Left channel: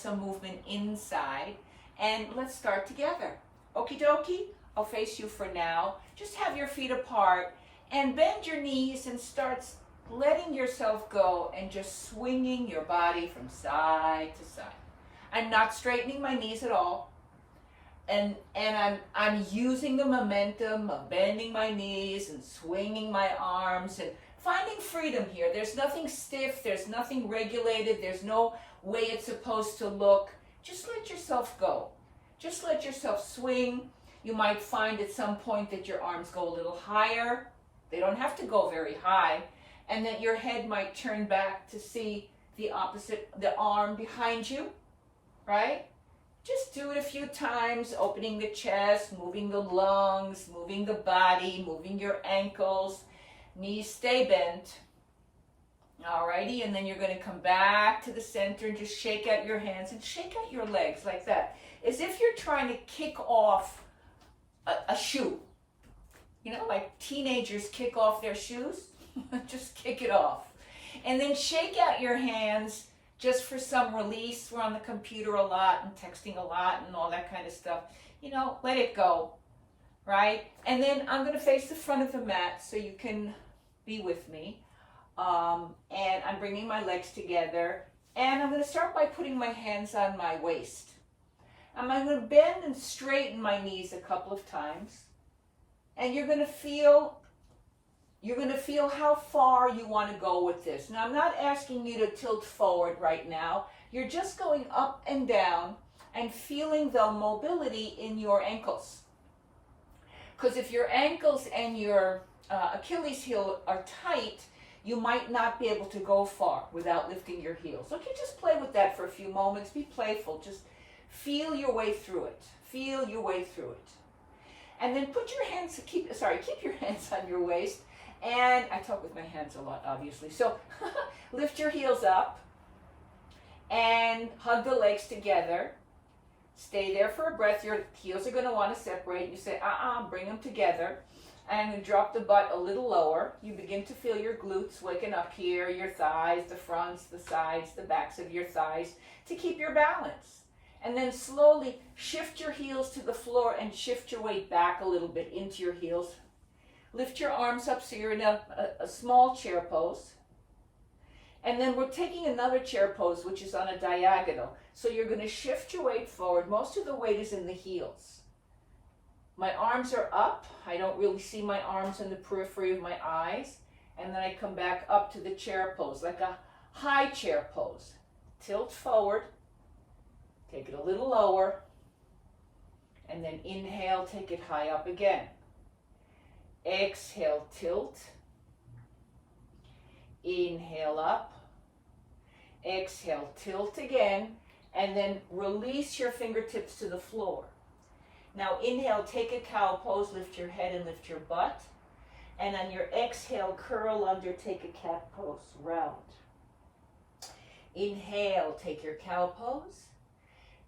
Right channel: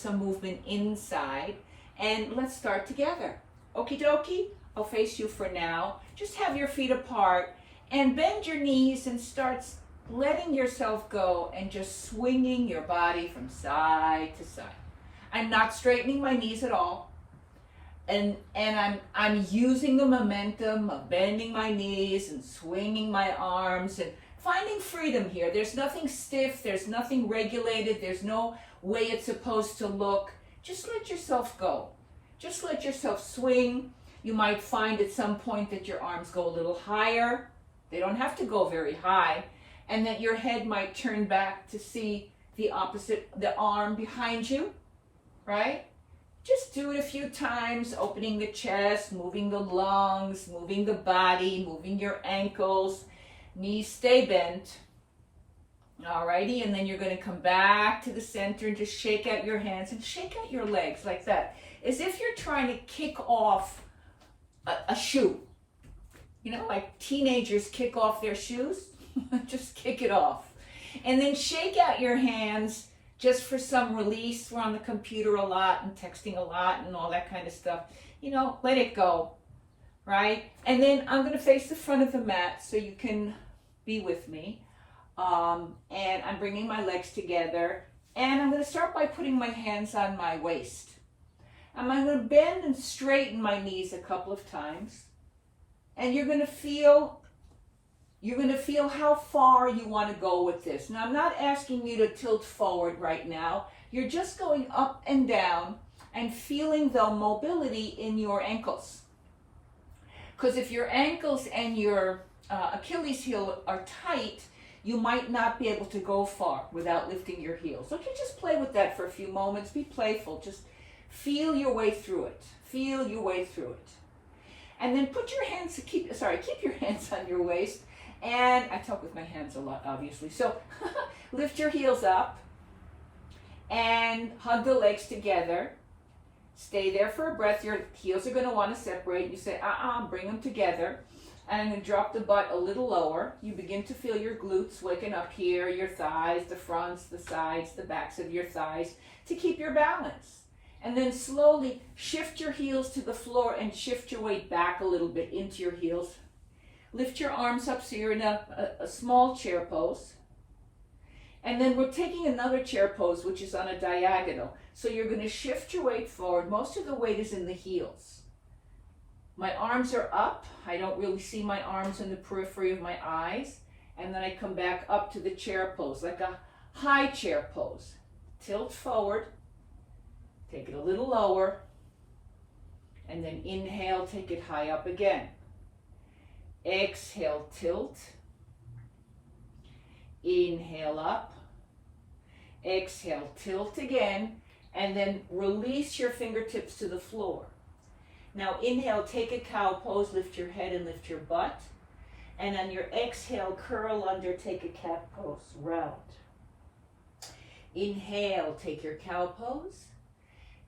some movement inside. And let's start together. Okie dokie, I'll face you for now. Just have your feet apart and bend your knees and start letting yourself go and just swinging your body from side to side. I'm not straightening my knees at all. And I'm using the momentum of bending my knees and swinging my arms and finding freedom here. There's nothing stiff, there's nothing regulated, there's no way it's supposed to look. Just let yourself go. Just let yourself swing. You might find at some point that your arms go a little higher. They don't have to go very high. And that your head might turn back to see the arm behind you, right? Just do it a few times, opening the chest, moving the lungs, moving the body, moving your ankles. Knees stay bent. Alrighty, and then you're going to come back to the center and just shake out your hands and shake out your legs like that. As if you're trying to kick off a shoe. You know, like teenagers kick off their shoes. Just kick it off. And then shake out your hands just for some release. We're on the computer a lot and texting a lot and all that kind of stuff. You know, let it go, right? And then I'm going to face the front of the mat so you can be with me. And I'm bringing my legs together. And I'm going to start by putting my hands on my waist. I'm going to bend and straighten my knees a couple of times. And you're going to feel how far you want to go with this. Now, I'm not asking you to tilt forward right now. You're just going up and down and feeling the mobility in your ankles. Because if your ankles and your Achilles heel are tight, you might not be able to go far without lifting your heels. Okay, just play with that for a few moments. Be playful. Just feel your way through it. Feel your way through it. And then put your hands, keep your hands on your waist. And I talk with my hands a lot, obviously. So lift your heels up and hug the legs together. Stay there for a breath. Your heels are going to want to separate. You say, bring them together. And I'm going to drop the butt a little lower. You begin to feel your glutes waking up here, your thighs, the fronts, the sides, the backs of your thighs to keep your balance. And then slowly shift your heels to the floor and shift your weight back a little bit into your heels. Lift your arms up so you're in a small chair pose. And then we're taking another chair pose, which is on a diagonal. So you're going to shift your weight forward. Most of the weight is in the heels. My arms are up. I don't really see my arms in the periphery of my eyes. And then I come back up to the chair pose, like a high chair pose. Tilt forward. Take it a little lower. And then inhale, take it high up again. Exhale, tilt. Inhale up. Exhale, tilt again. And then release your fingertips to the floor. Now inhale, take a cow pose, lift your head and lift your butt. And on your exhale, curl under, take a cat pose, round. Inhale, take your cow pose.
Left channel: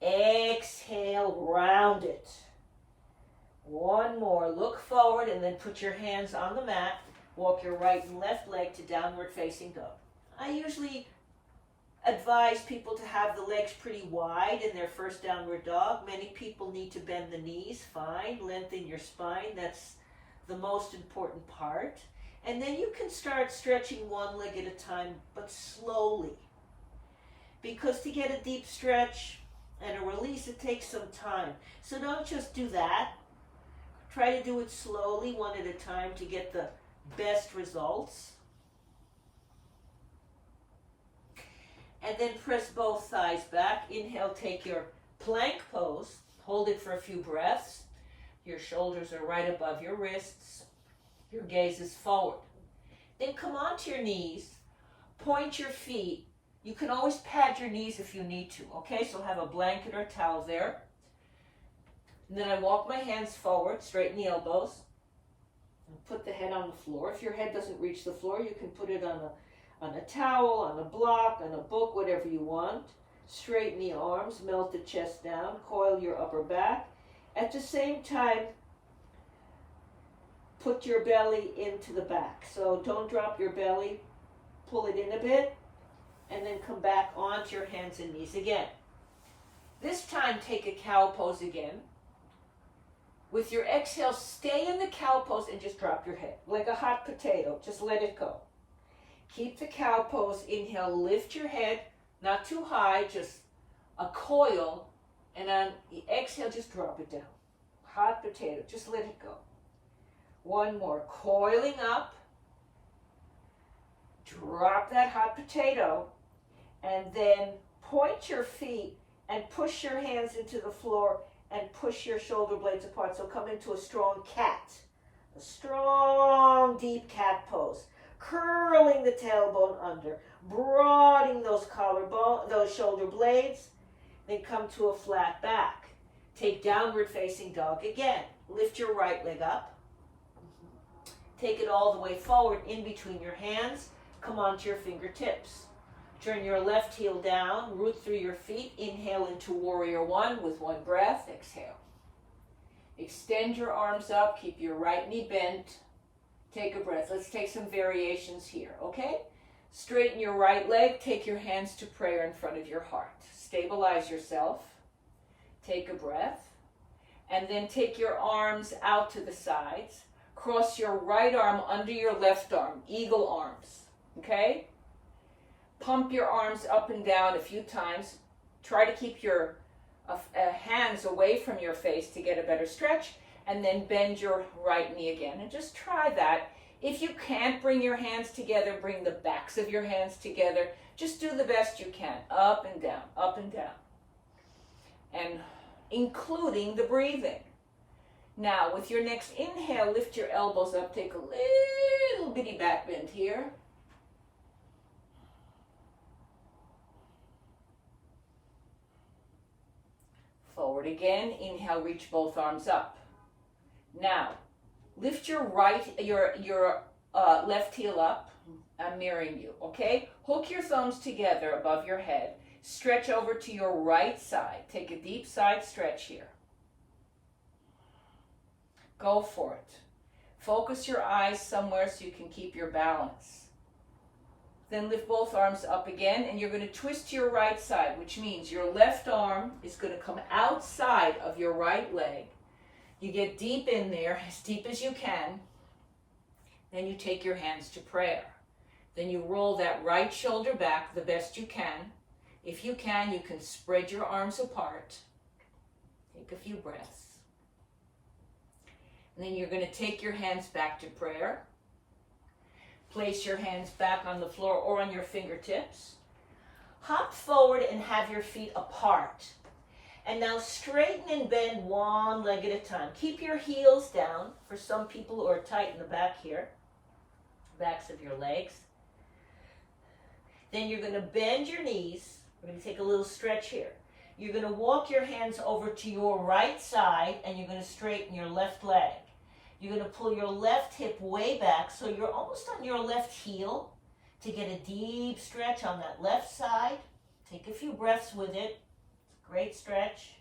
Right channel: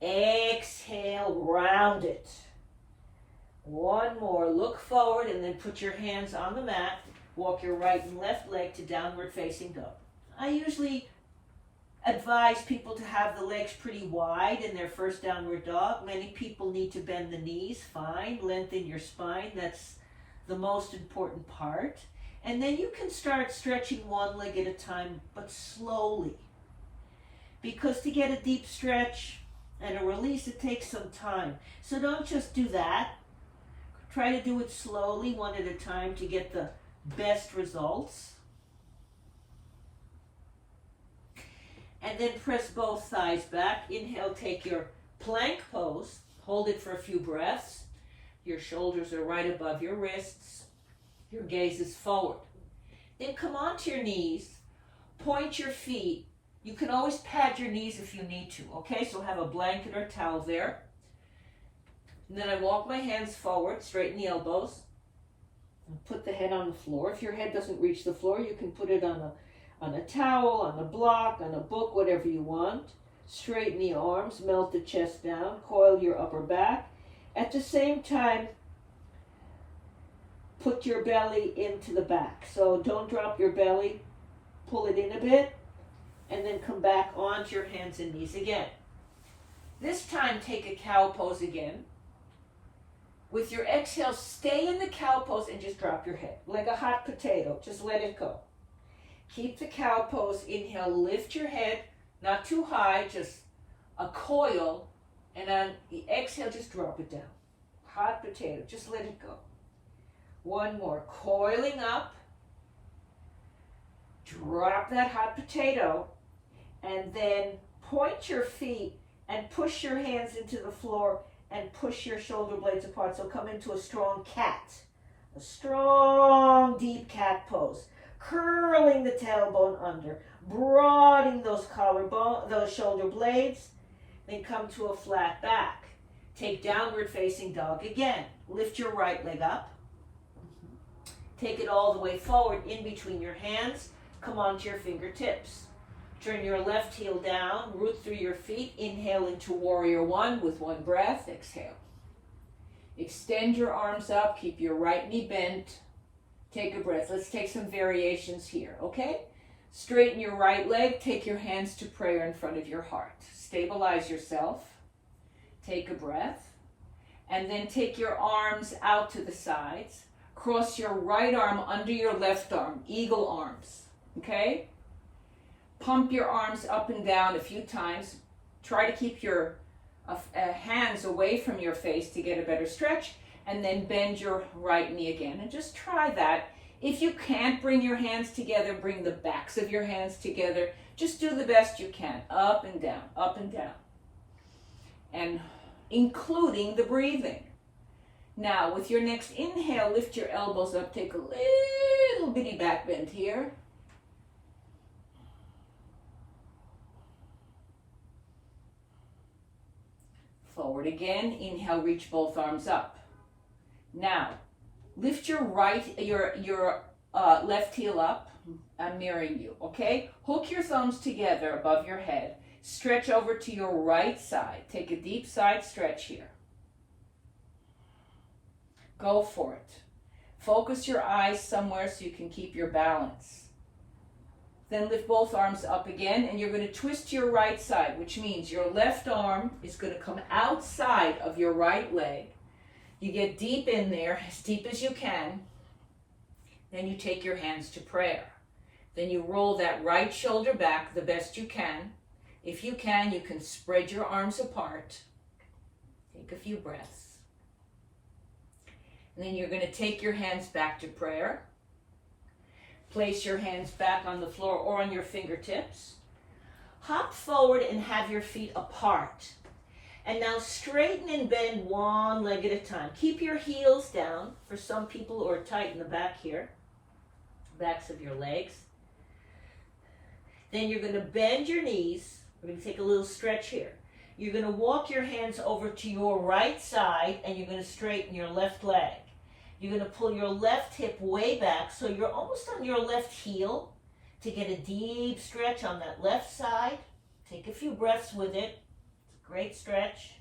Exhale, round it. One more, look forward and then put your hands on the mat. Walk your right and left leg to downward facing dog. I usually advise people to have the legs pretty wide in their first downward dog. Many people need to bend the knees, fine. Lengthen your spine, that's the most important part. And then you can start stretching one leg at a time, but slowly. Because to get a deep stretch and a release, it takes some time. So don't just do that. Try to do it slowly, one at a time, to get the best results. And then press both thighs back. Inhale, take your plank pose. Hold it for a few breaths. Your shoulders are right above your wrists. Your gaze is forward. Then come onto your knees. Point your feet. You can always pad your knees if you need to, okay? So have a blanket or towel there. And then I walk my hands forward, straighten the elbows, and put the head on the floor. If your head doesn't reach the floor, you can put it on a towel, on a block, on a book, whatever you want. Straighten the arms, melt the chest down, coil your upper back. At the same time, put your belly into the back. So don't drop your belly, pull it in a bit, and then come back onto your hands and knees again. This time, take a cow pose again. With your exhale, stay in the cow pose and just drop your head like a hot potato. Just let it go. Keep the cow pose. Inhale, lift your head, not too high, just a coil. And on the exhale, just drop it down. Hot potato, just let it go. One more, coiling up. Drop that hot potato. And then point your feet and push your hands into the floor and push your shoulder blades apart. So come into a strong cat. A strong, deep cat pose. Curling the tailbone under. Broadening those collarbone, those shoulder blades. Then come to a flat back. Take downward facing dog again. Lift your right leg up. Take it all the way forward in between your hands. Come onto your fingertips. Turn your left heel down, root through your feet. Inhale into warrior one with one breath. Exhale. Extend your arms up. Keep your right knee bent. Take a breath. Let's take some variations here, okay? Straighten your right leg. Take your hands to prayer in front of your heart. Stabilize yourself. Take a breath. And then take your arms out to the sides. Cross your right arm under your left arm. Eagle arms, okay? Pump your arms up and down a few times. Try to keep your hands away from your face to get a better stretch. And then bend your right knee again. And just try that. If you can't bring your hands together, bring the backs of your hands together. Just do the best you can. Up and down, up and down. And including the breathing. Now, with your next inhale, lift your elbows up. Take a little bitty back bend here. Forward again. Inhale, reach both arms up. Now, lift your left heel up. I'm mirroring you, okay? Hook your thumbs together above your head. Stretch over to your right side. Take a deep side stretch here. Go for it. Focus your eyes somewhere so you can keep your balance. Then lift both arms up again, and you're going to twist to your right side, which means your left arm is going to come outside of your right leg. You get deep in there, as deep as you can. Then you take your hands to prayer. Then you roll that right shoulder back the best you can. If you can spread your arms apart. Take a few breaths. And then you're going to take your hands back to prayer. Place your hands back on the floor or on your fingertips. Hop forward and have your feet apart. And now straighten and bend one leg at a time. Keep your heels down for some people who are tight in the back here. Backs of your legs. Then you're going to bend your knees. We're going to take a little stretch here. You're going to walk your hands over to your right side and you're going to straighten your left leg. You're going to pull your left hip way back so you're almost on your left heel to get a deep stretch on that left side. Take a few breaths with it. It's a great stretch.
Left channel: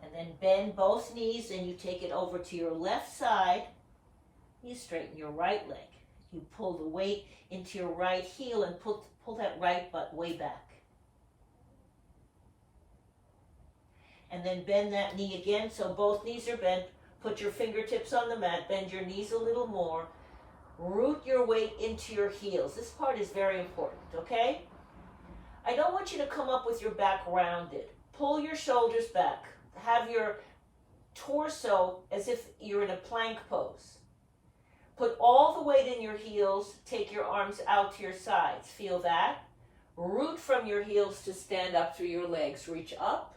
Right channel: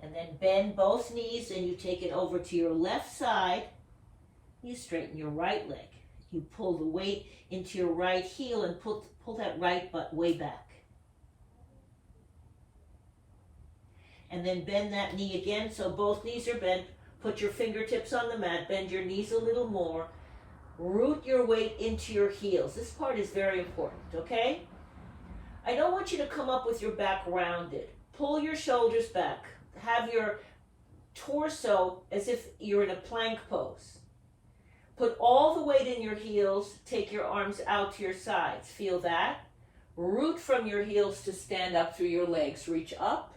And then bend both knees and you take it over to your left side. You straighten your right leg. You pull the weight into your right heel and pull that right butt way back. And then bend that knee again so both knees are bent. Put your fingertips on the mat, bend your knees a little more. Root your weight into your heels. This part is very important, okay? I don't want you to come up with your back rounded. Pull your shoulders back. Have your torso as if you're in a plank pose. Put all the weight in your heels. Take your arms out to your sides. Feel that? Root from your heels to stand up through your legs. Reach up.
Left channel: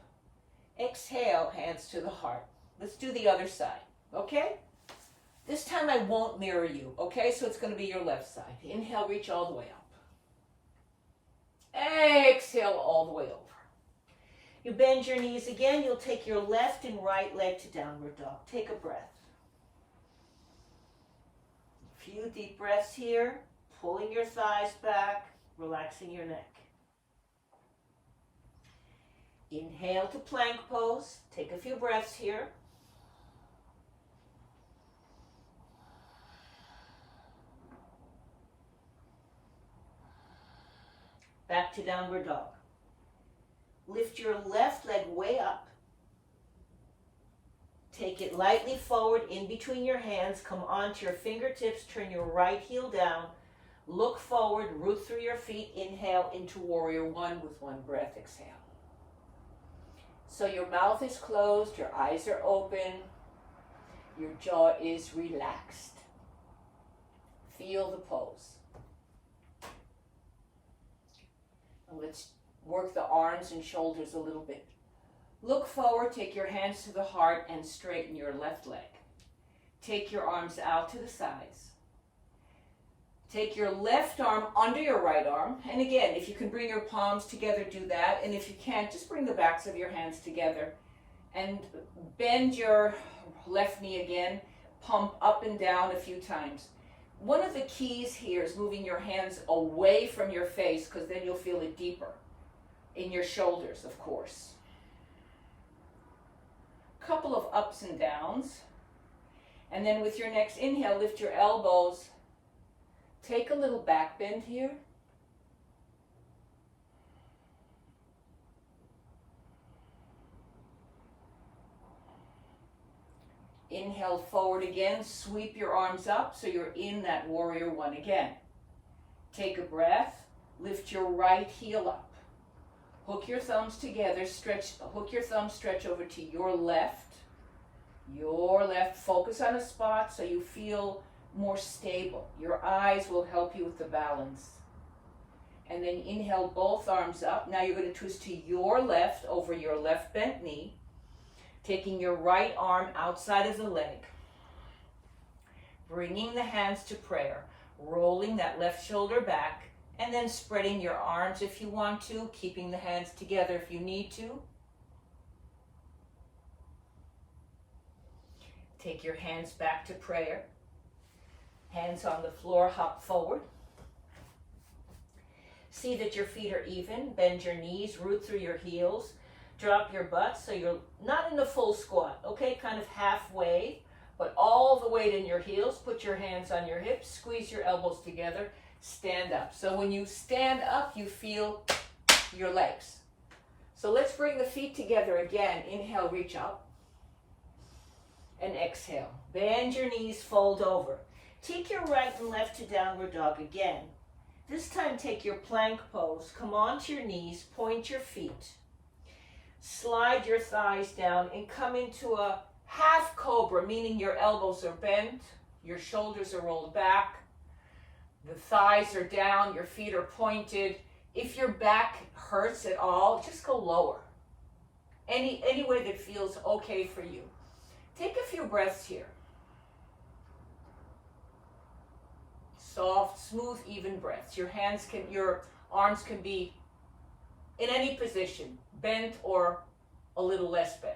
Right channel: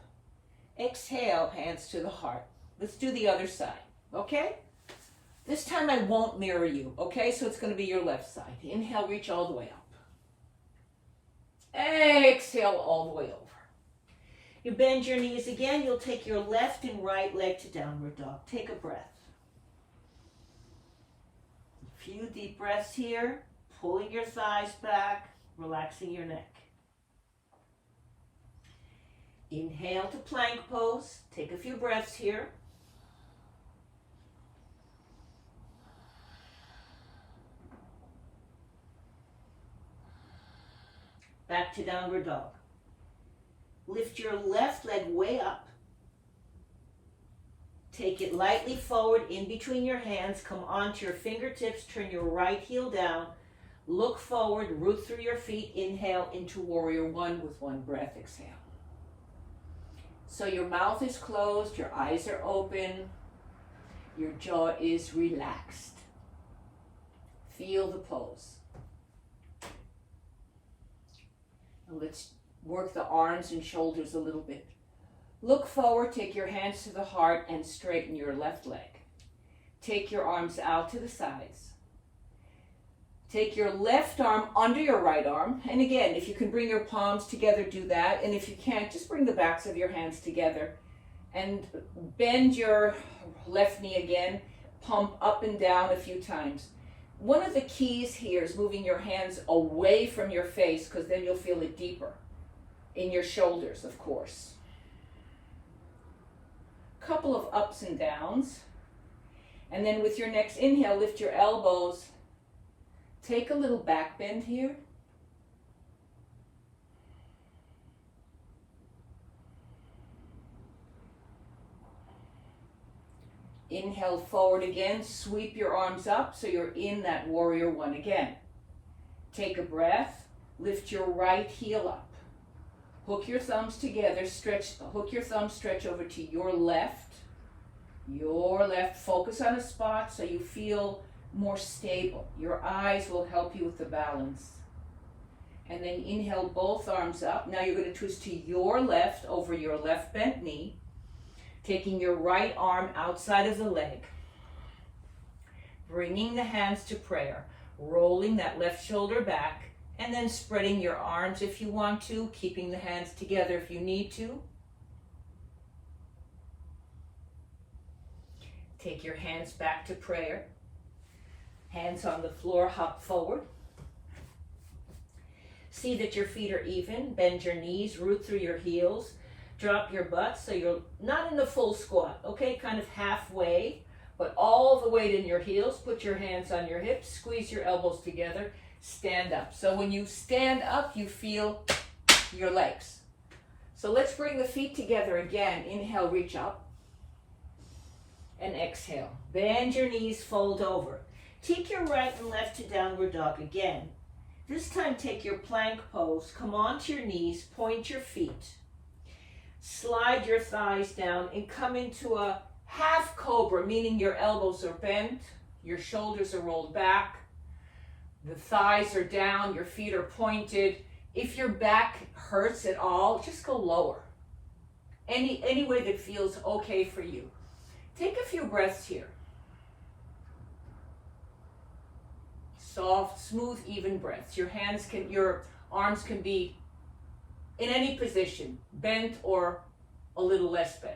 Exhale, hands to the heart. Let's do the other side, okay? This time I won't mirror you, okay? So it's going to be your left side. Inhale, reach all the way up. Exhale, all the way over. You bend your knees again. You'll take your left and right leg to downward dog. Take a breath. A few deep breaths here. Pulling your thighs back, relaxing your neck. Inhale to plank pose. Take a few breaths here. Back to downward dog. lift your left leg way up. Take it lightly forward in between your hands. Come onto your fingertips. Turn your right heel down. Look forward. Root through your feet. Inhale into warrior one with one breath. Exhale. So your mouth is closed. Your eyes are open. Your jaw is relaxed. Feel the pose. Now let's work the arms and shoulders a little bit. Look forward, take your hands to the heart and straighten your left leg. Take your arms out to the sides. Take your left arm under your right arm. And again, if you can bring your palms together, do that. And if you can't, just bring the backs of your hands together. And bend your left knee again. Pump up and down a few times. One of the keys here is moving your hands away from your face, because then you'll feel it deeper. In your shoulders, of course. Couple of ups and downs. And then with your next inhale, lift your elbows. Take a little back bend here. Inhale forward again. Sweep your arms up so you're in that warrior one again. Take a breath. Lift your right heel up. Hook your thumbs together, hook your thumbs, stretch over to your left. Your left, focus on a spot so you feel more stable. Your eyes will help you with the balance. And then inhale both arms up. Now you're going to twist to your left over your left bent knee, taking your right arm outside of the leg. Bringing the hands to prayer, rolling that left shoulder back, and then spreading your arms if you want to, keeping the hands together if you need to. Take your hands back to prayer. Hands on the floor, hop forward. See that your feet are even. Bend your knees, root through your heels. Drop your butt so you're not in a full squat, okay? Kind of halfway, but all the weight in your heels. Put your hands on your hips, squeeze your elbows together. Stand up. So when you stand up, you feel your legs. So let's bring the feet together again. Inhale, reach up. And exhale. Bend your knees, fold over. Take your right and left to downward dog again. This time take your plank pose. Come onto your knees, point your feet. Slide your thighs down and come into a half cobra, meaning your elbows are bent, your shoulders are rolled back. The thighs are down, your feet are pointed. If your back hurts at all, just go lower. Any way that feels okay for you. Take a few breaths here. Soft, smooth, even breaths. Your arms can be in any position, bent or a little less bent.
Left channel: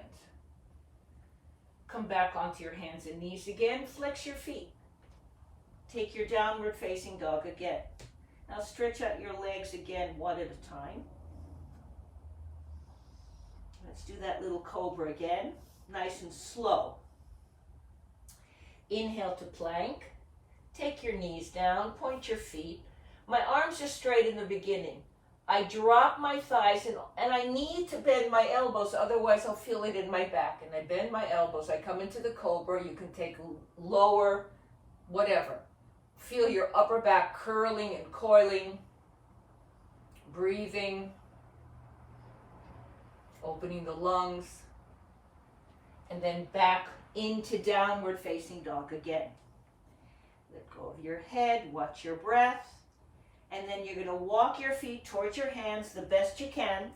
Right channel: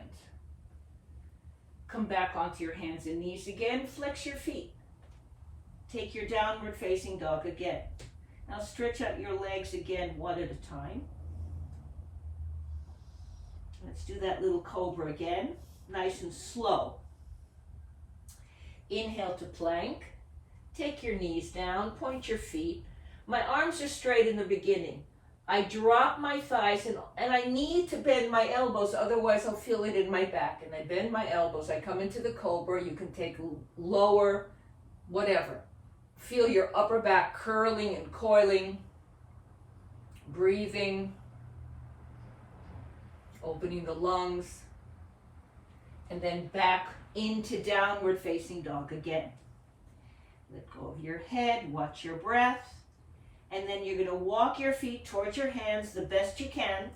Come back onto your hands and knees again. Flex your feet. Take your downward facing dog again. Now stretch out your legs again, one at a time. Let's do that little cobra again, nice and slow. Inhale to plank. Take your knees down, point your feet. My arms are straight in the beginning. I drop my thighs and I need to bend my elbows, otherwise I'll feel it in my back. And I bend my elbows, I come into the cobra. You can take lower, whatever. Feel your upper back curling and coiling, breathing, opening the lungs, and then back into downward facing dog again. Let go of your head, watch your breath, and then you're going to walk your feet towards your hands the best you can.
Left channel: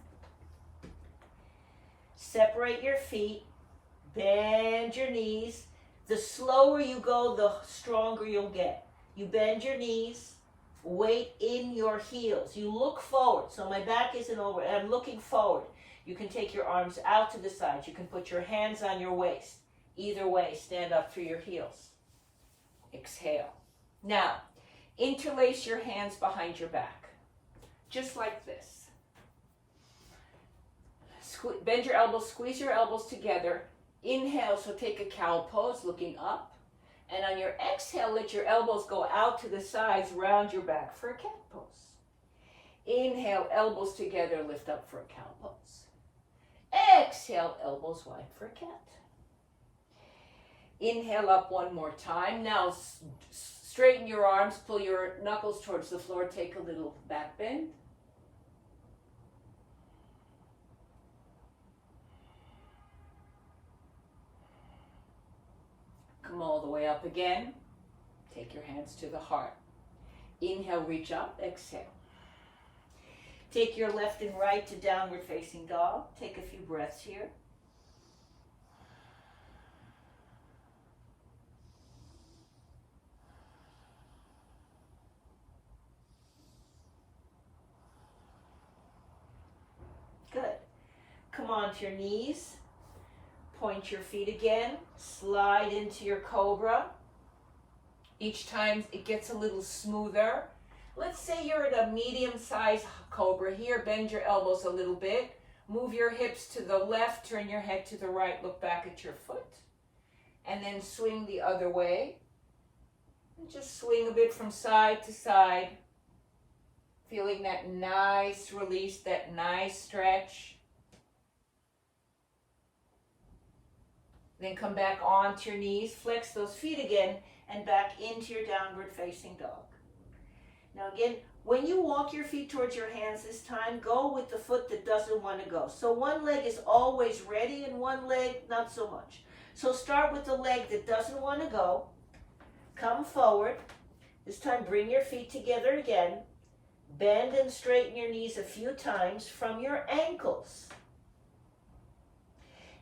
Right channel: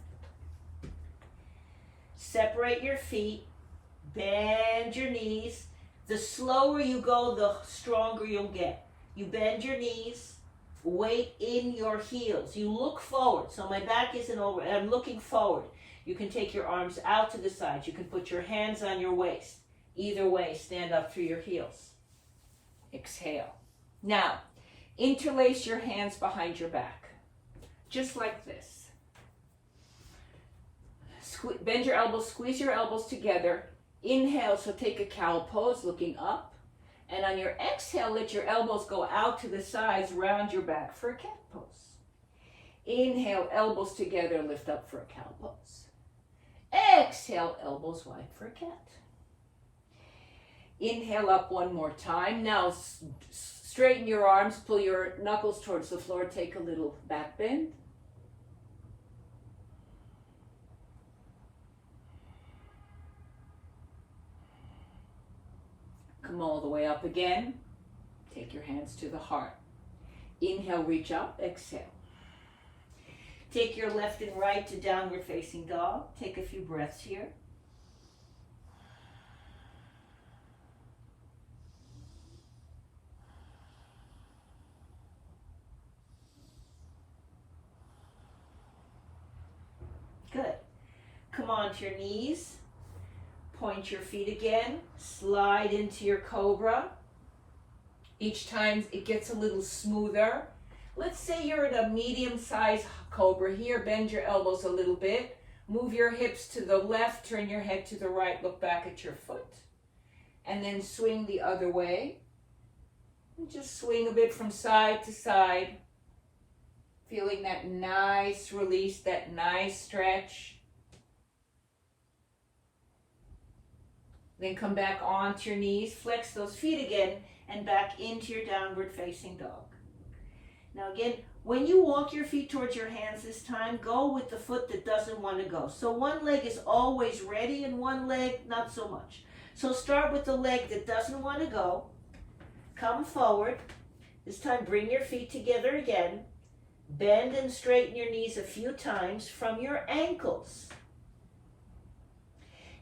Separate your feet, bend your knees. The slower you go, the stronger you'll get. You bend your knees, weight in your heels. You look forward. So my back isn't over, I'm looking forward. You can take your arms out to the sides. You can put your hands on your waist. Either way, stand up through your heels. Exhale. Now, interlace your hands behind your back, just like this. Bend your elbows, squeeze your elbows together. Inhale, so take a cow pose, looking up. And on your exhale, let your elbows go out to the sides, round your back for a cat pose. Inhale, elbows together, lift up for a cow pose. Exhale, elbows wide for a cat. Inhale up one more time. Now straighten your arms, pull your knuckles towards the floor, take a little back bend. Come all the way up again. Take your hands to the heart. Inhale, reach up, exhale. Take your left and right to downward facing dog. Take a few breaths here. Good. Come onto your knees. Point your feet again. Slide into your cobra. Each time it gets a little smoother. Let's say you're at a medium-sized cobra here. Bend your elbows a little bit. Move your hips to the left. Turn your head to the right. Look back at your foot. And then swing the other way. And just swing a bit from side to side. Feeling that nice release, that nice stretch. Then come back onto your knees, flex those feet again, and back into your downward facing dog. Now again, when you walk your feet towards your hands this time, go with the foot that doesn't want to go. So one leg is always ready and one leg not so much. So start with the leg that doesn't want to go. Come forward. This time bring your feet together again. Bend and straighten your knees a few times from your ankles.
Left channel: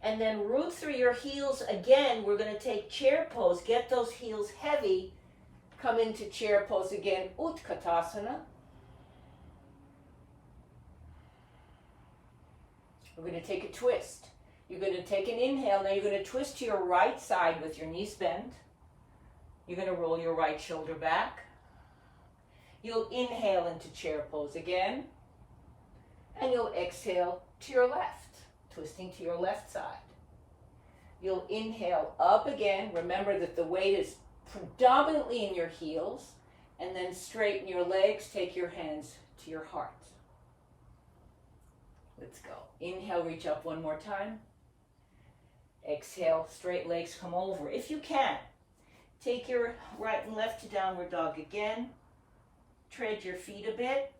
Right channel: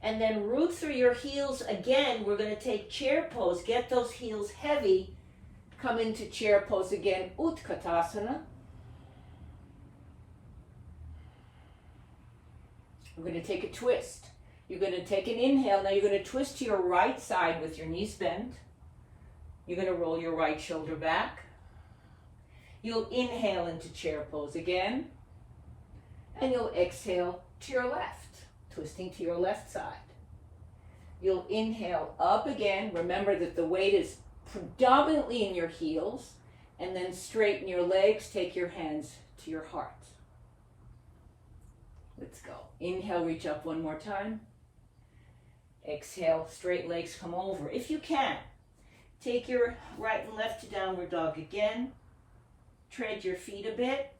And then root through your heels again. We're going to take chair pose. Get those heels heavy. Come into chair pose again. Utkatasana. We're going to take a twist. You're going to take an inhale. Now you're going to twist to your right side with your knees bent. You're going to roll your right shoulder back. You'll inhale into chair pose again. And you'll exhale to your left, twisting to your left side. You'll inhale up again. Remember that the weight is predominantly in your heels. And then straighten your legs. Take your hands to your heart. Let's go. Inhale, reach up one more time. Exhale, straight legs come over. If you can, take your right and left to downward dog again. Tread your feet a bit.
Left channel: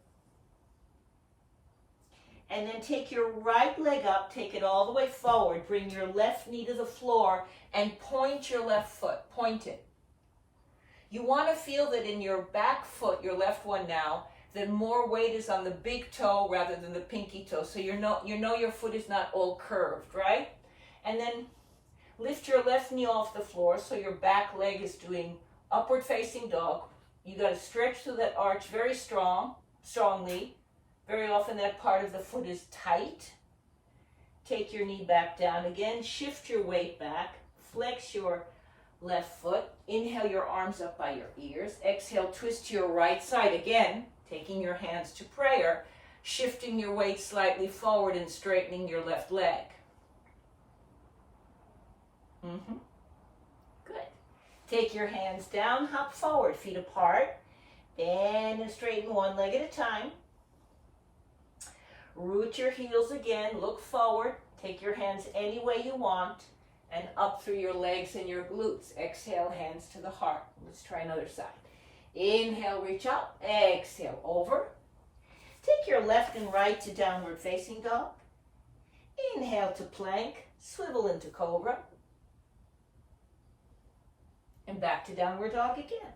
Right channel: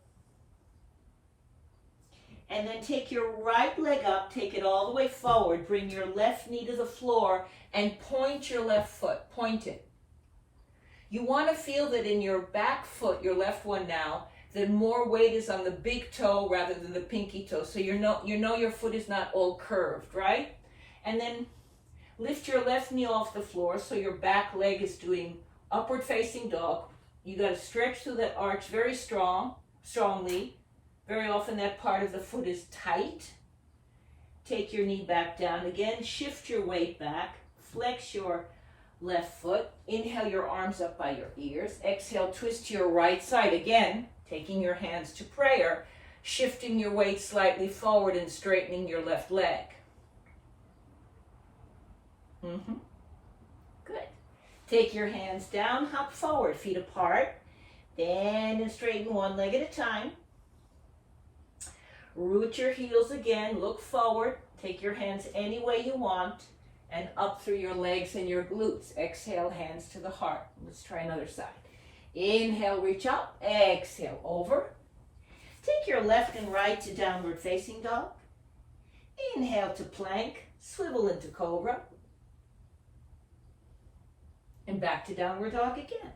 And then take your right leg up, take it all the way forward. Bring your left knee to the floor and point your left foot. Point it. You want to feel that in your back foot, your left one now, that more weight is on the big toe rather than the pinky toe. So you know your foot is not all curved, right? And then lift your left knee off the floor so your back leg is doing upward facing dog. You got to stretch through that arch very strongly. Very often that part of the foot is tight. Take your knee back down again. Shift your weight back. Flex your left foot. Inhale your arms up by your ears. Exhale, twist to your right side again. Taking your hands to prayer. Shifting your weight slightly forward and straightening your left leg. Good. Take your hands down, hop forward, feet apart. Bend and straighten one leg at a time. Root your heels again, look forward. Take your hands any way you want and up through your legs and your glutes. Exhale, hands to the heart. Let's try another side. Inhale, reach up. Exhale, over. Take your left and right to downward facing dog. Inhale to plank. Swivel into cobra. And back to downward dog again.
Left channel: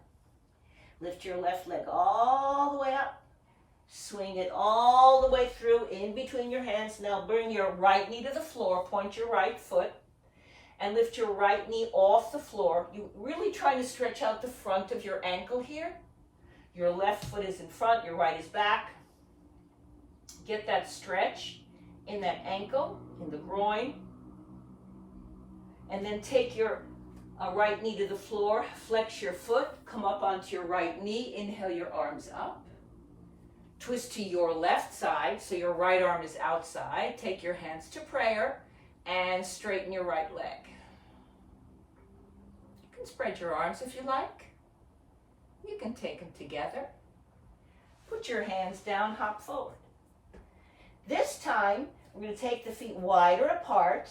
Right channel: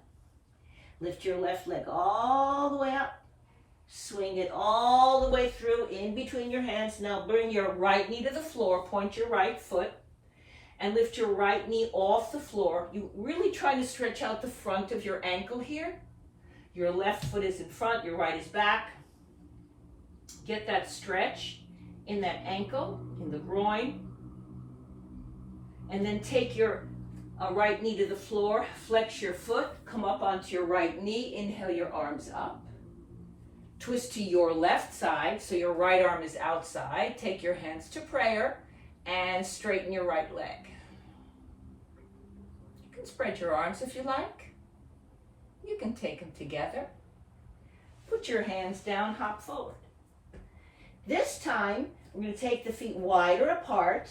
Lift your left leg all the way up. Swing it all the way through in between your hands. Now bring your right knee to the floor. Point your right foot. And lift your right knee off the floor. You really try to stretch out the front of your ankle here. Your left foot is in front. Your right is back. Get that stretch in that ankle, in the groin. And then take your right knee to the floor. Flex your foot. Come up onto your right knee. Inhale your arms up. Twist to your left side, so your right arm is outside. Take your hands to prayer and straighten your right leg. You can spread your arms if you like. You can take them together. Put your hands down, hop forward. This time, We're going to take the feet wider apart.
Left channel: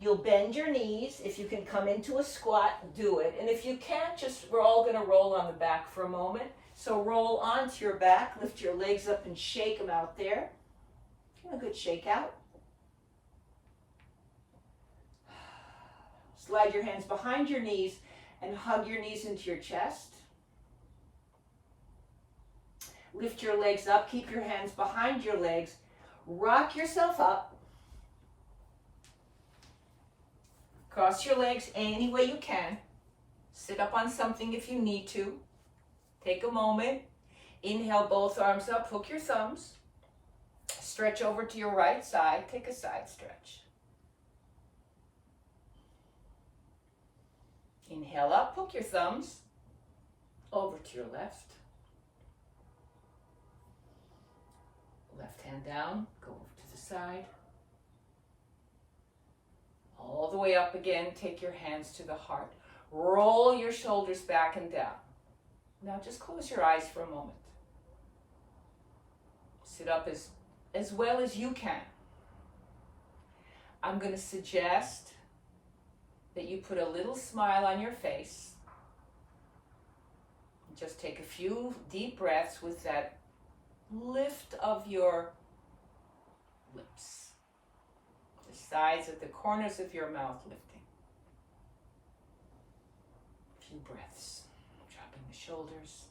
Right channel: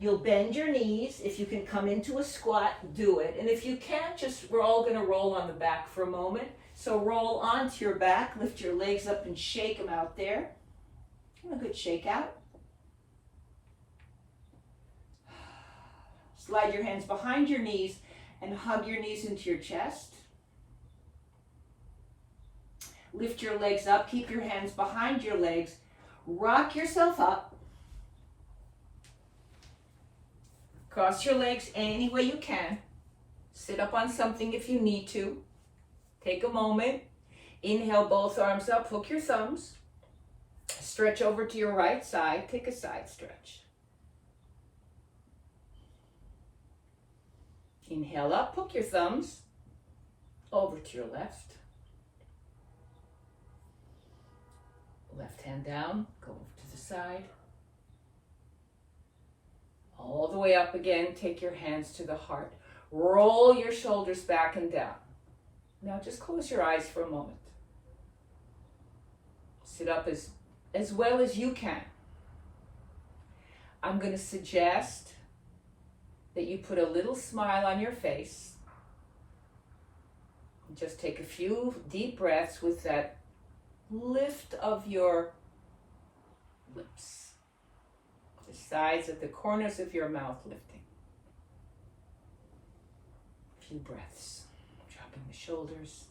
You'll bend your knees. If you can come into a squat, do it. And if you can't, we're all going to roll on the back for a moment. So roll onto your back, lift your legs up and shake them out there. Give them a good shake out. Slide your hands behind your knees and hug your knees into your chest. Lift your legs up, keep your hands behind your legs. Rock yourself up. Cross your legs any way you can. Sit up on something if you need to. Take a moment. Inhale, both arms up, hook your thumbs. Stretch over to your right side. Take a side stretch. Inhale up, hook your thumbs. Over to your left. Left hand down, go over to the side. All the way up again, take your hands to the heart. Roll your shoulders back and down. Now just close your eyes for a moment. Sit up as well as you can. I'm going to suggest that you put a little smile on your face. Just take a few deep breaths with that lift of your lips. The sides of the corners of your mouth lifting. A few breaths. Dropping the shoulders.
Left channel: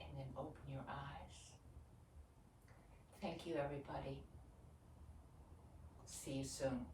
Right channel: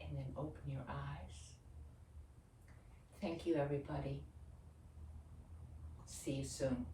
And then open your eyes. Thank you, everybody. See you soon.